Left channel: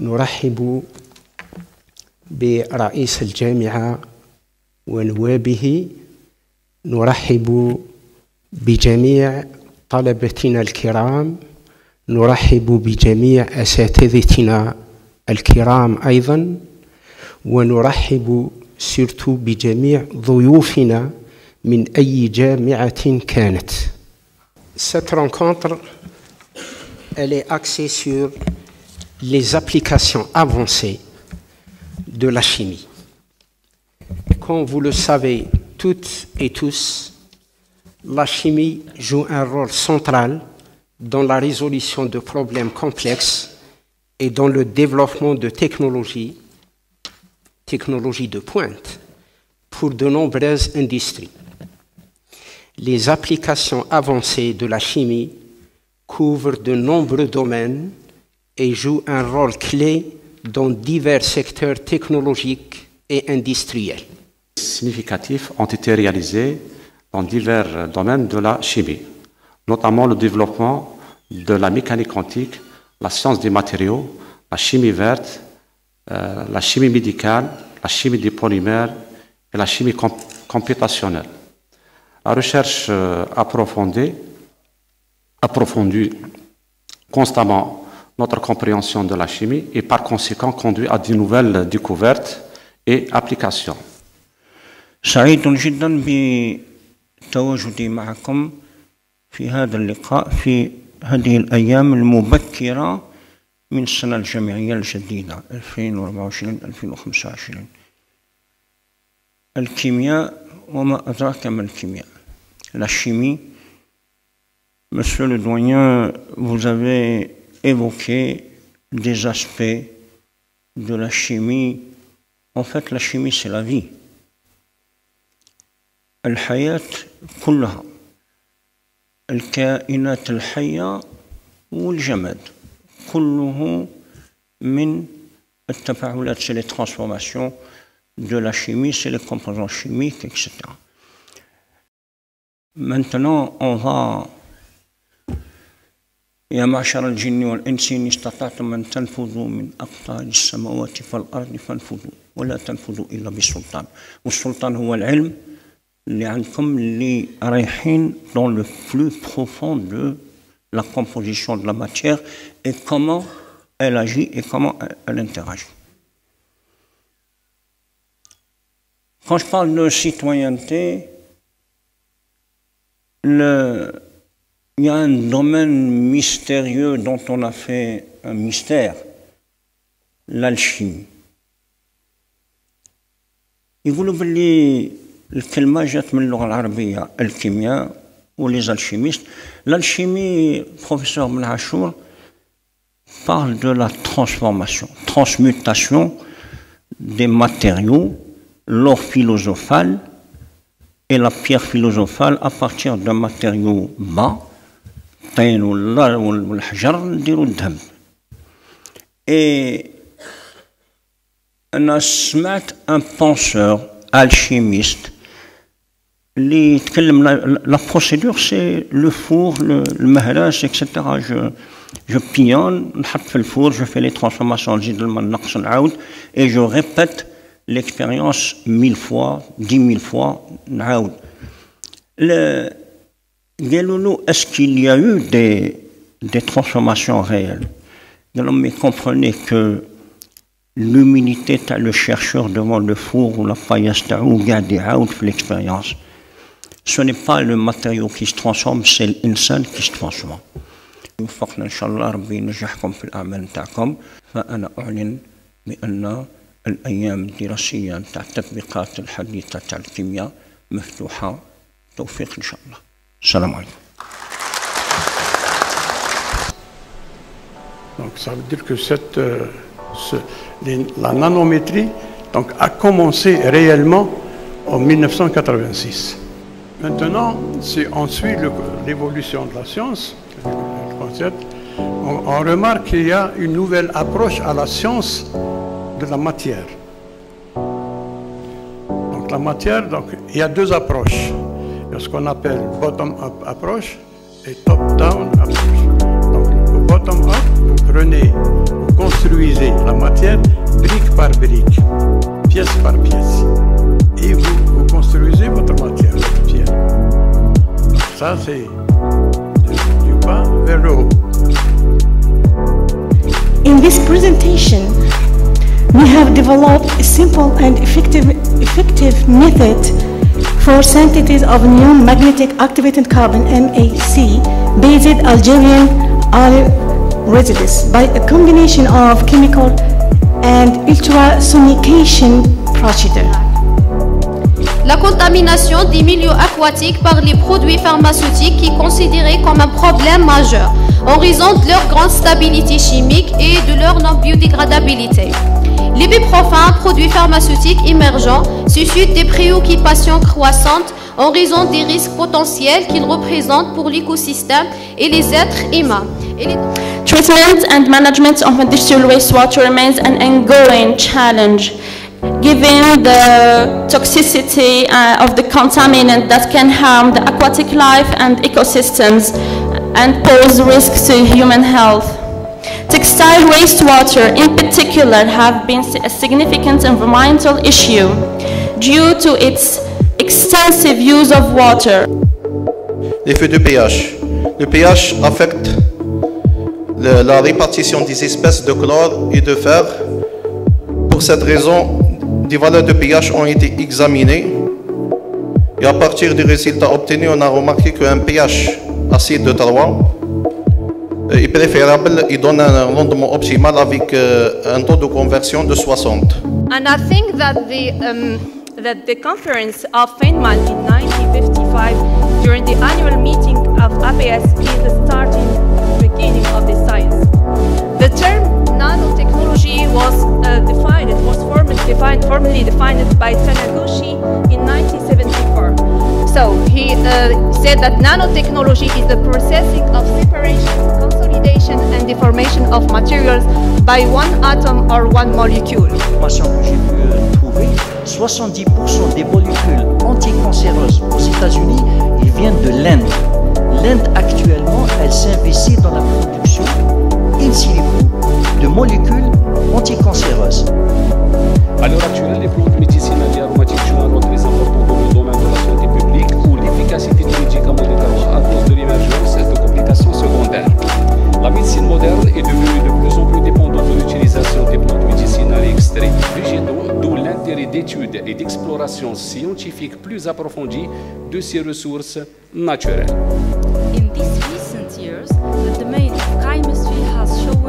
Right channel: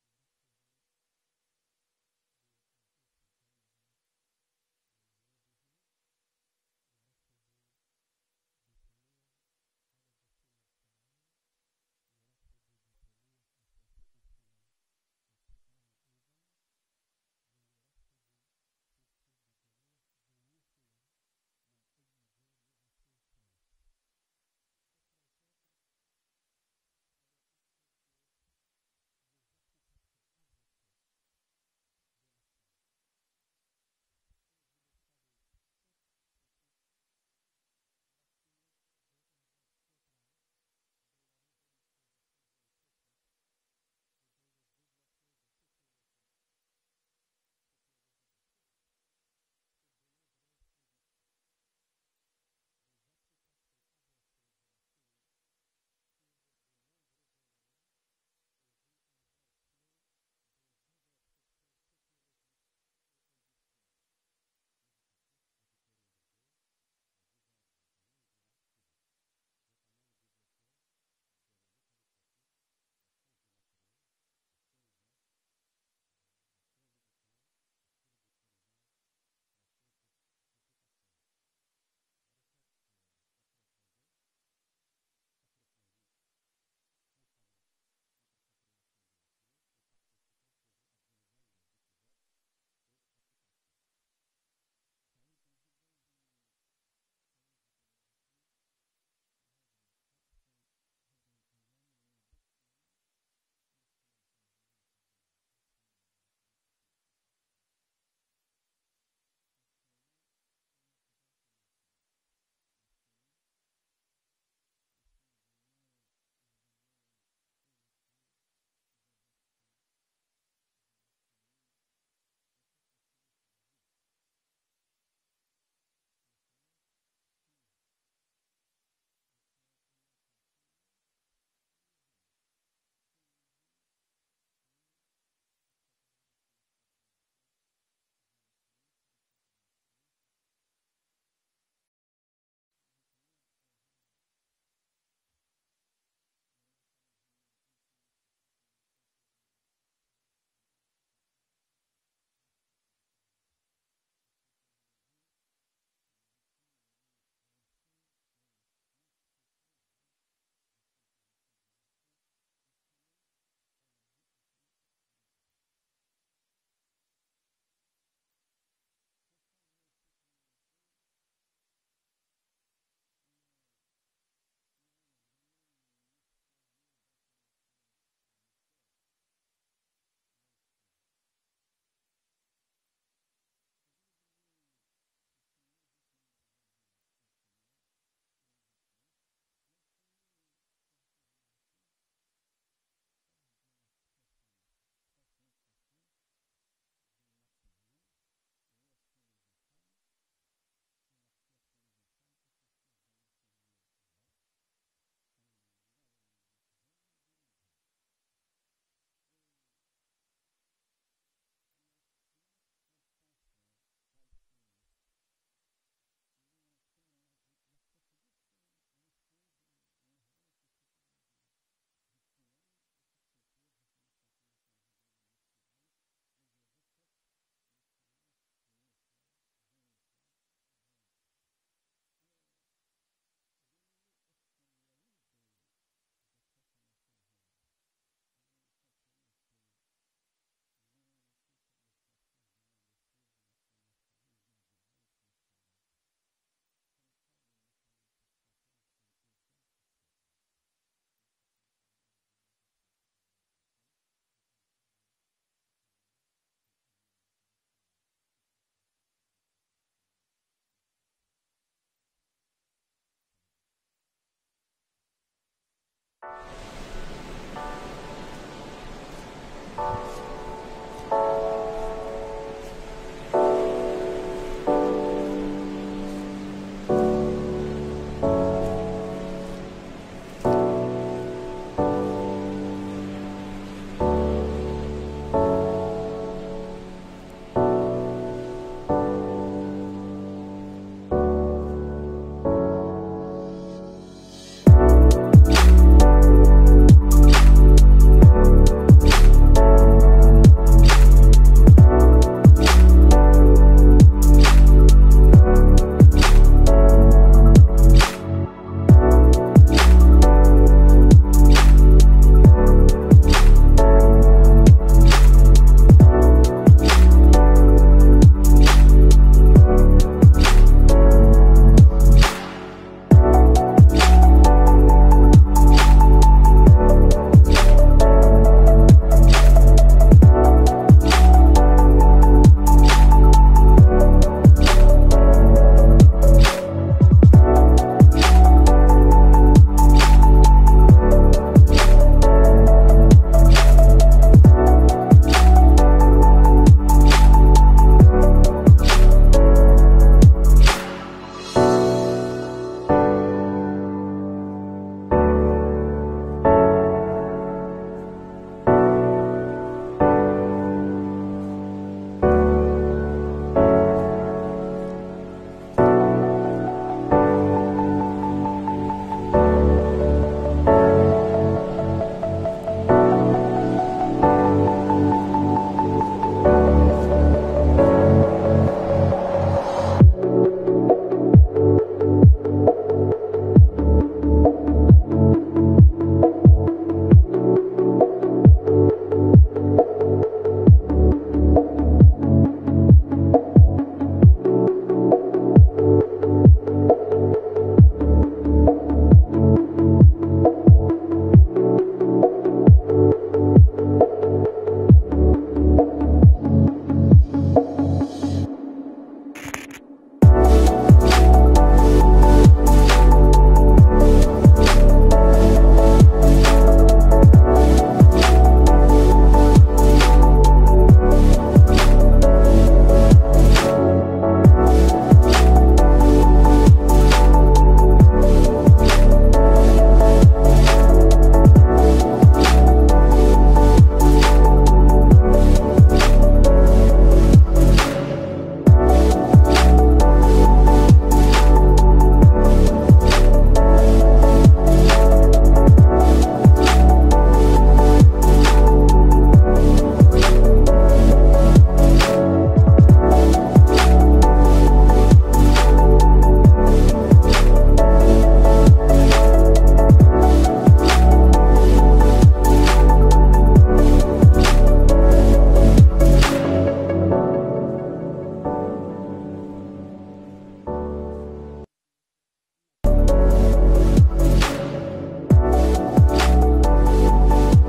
نرحب برئيس الجامعة ونوابه، نرحب بجميع طلبتنا الكرام، نرحب بجميع أساتذتنا الكرام أيضا، ونرحب سيرتو بجميع ضيوفنا من أي جامعة كانت. Cette rencontre, elle est axée sur les applications avancées de la chimie. Comme vous le savez toutes et tous, la chimie joue un rôle central dans la résolution de problèmes complexes et dans le développement de technologies de pointe pour de nombreuses industries. Les applications avancées de la chimie couvrent de nombreux domaines et jouent un rôle clé dans divers secteurs technologiques et industriels. Significatifs ont été réalisés dans divers domaines de la chimie, notamment le développement de la mécanique quantique, la science des matériaux, la chimie verte, la chimie médicale, la chimie des polymères et la chimie computationnelle. La recherche approfondit constamment notre compréhension de la chimie et par conséquent conduit à de nouvelles découvertes et applications. سعيد جدا بتواجدي معكم في هذا اللقاء في هذه الأيام المبكرة من السنة الجامعية الجديدة 2024-2025. الكيمياء وما أدراك ما الكيمياء. La chimie, Monsieur le doyen, vous avez évoqué des aspects de la chimie. En fait, la chimie, c'est la vie. الحياة كلها، الكائنات الحية والجماد كله من التفاعلات، c'est les transformations de la chimie, c'est les composants chimiques, etc. Maintenant, on va يا معشر الجن والإنس إن استطعتم أن تنفذوا من أقطار السماوات والأرض فانفذوا ولا تنفذوا إلا بالسلطان. والسلطان هو العلم اللي عندكم اللي رايحين dans le plus profond de la composition de la matière et comment elle agit et comment elle interagit. Quand je parle de citoyenneté, il y a un domaine mystérieux dont on a fait un mystère, l'alchimie. يقولوا باللي الكلمة جات من اللغة العربية الكيمياء وليز الشيميست. L'alchimie, professeur Ben Achour, parle de la transmutation des matériaux, l'or philosophal et la pierre philosophale à partir d'un matériau bas, الطين والحجر نديرو الذهب. Et أنا سمعت un penseur alchimiste اللي يتكلم la procédure c'est le four, le مهراس, etc. Je pionne, نحط في الفور, je fais les transformations, نزيد الماء نقص نعاود et je répète l'expérience 1000 fois, 10 000 fois, نعاود. Est-ce qu'il y a eu des transformations réelles? Mais comprenez que l'humilité de le chercheur devant le four ou la paillasse ou garder out l'expérience. Ce n'est pas le matériau qui se transforme, c'est l'insan qui se transforme. وفقنا إن شاء الله ربي ينجحكم في الأعمال نتاعكم. فأنا أعلن بأن الأيام الدراسية نتاع التطبيقات الحديثة تاع الكيمياء مفتوحة. توفيق إن شاء الله. السلام عليكم. Donc ça veut dire que la nanométrie a commencé réellement en 1986. Maintenant, si on suit l'évolution de la science, on remarque qu'il y a une nouvelle approche à la science de la matière. Donc la matière, il y a deux approches. Il y a ce qu'on appelle bottom-up approche et top-down approche. Donc le bottom-up, prenez construisez la matière brique par brique, pièce par pièce. Et vous construisez votre matière, votre pierre. Ça, c'est du bas vers le haut. In this presentation, we have developed a simple and effective method for synthesis of new magnetic activated carbon MAC based Algerian oil residues by a combination of chemical and ultrasonication procedure. La contamination des milieux aquatiques par les produits pharmaceutiques est considérée comme un problème majeur en raison de leur grande stabilité chimique et de leur non-biodégradabilité. L'ibuprofène, produit pharmaceutique émergent, suscite des préoccupations croissantes en raison des risques potentiels qu'il représente pour l'écosystème et les êtres humains. Treatment and management of industrial wastewater remains an ongoing challenge, given the toxicity of the contaminant that can harm the aquatic life and ecosystems and pose risks to human health. Textile wastewater in particular have been a significant environmental issue due to its extensive use of water. L'effet du pH. Le pH affecte la répartition des espèces de chlore et de fer. Pour cette raison, des valeurs de pH ont été examinées et à partir des résultats obtenus, on a remarqué qu'un pH acide de 3 est préférable et donne un rendement optimal avec un taux de conversion de 60. And I think that the conference of Feynman in 1955 during the annual meeting of APS is the starting beginning of the science. The term nanotechnology was formally defined by Taniguchi in 1974. So he said that nanotechnology is the processing of separation, consolidation and deformation of materials by one atom or one molecule. J'ai pu trouver 70% des molécules anticancéreuses aux États-Unis, ils viennent de l'Inde. L'Inde actuellement, elle s'investit dans la production in silico de molécules anticancéreuses. À l'heure actuelle, les produits médicinaux et aromatiques jouent un rôle très important dans le domaine de la santé publique où l'efficacité des médicaments décroît à cause de l'émergence de complications secondaires. La médecine moderne est devenue de plus en plus dépendante de l'utilisation des plantes médicinales extraites végétaux, d'où l'intérêt d'études et d'explorations scientifiques plus approfondies de ces ressources naturelles. In these recent years, the domain of chemistry has shown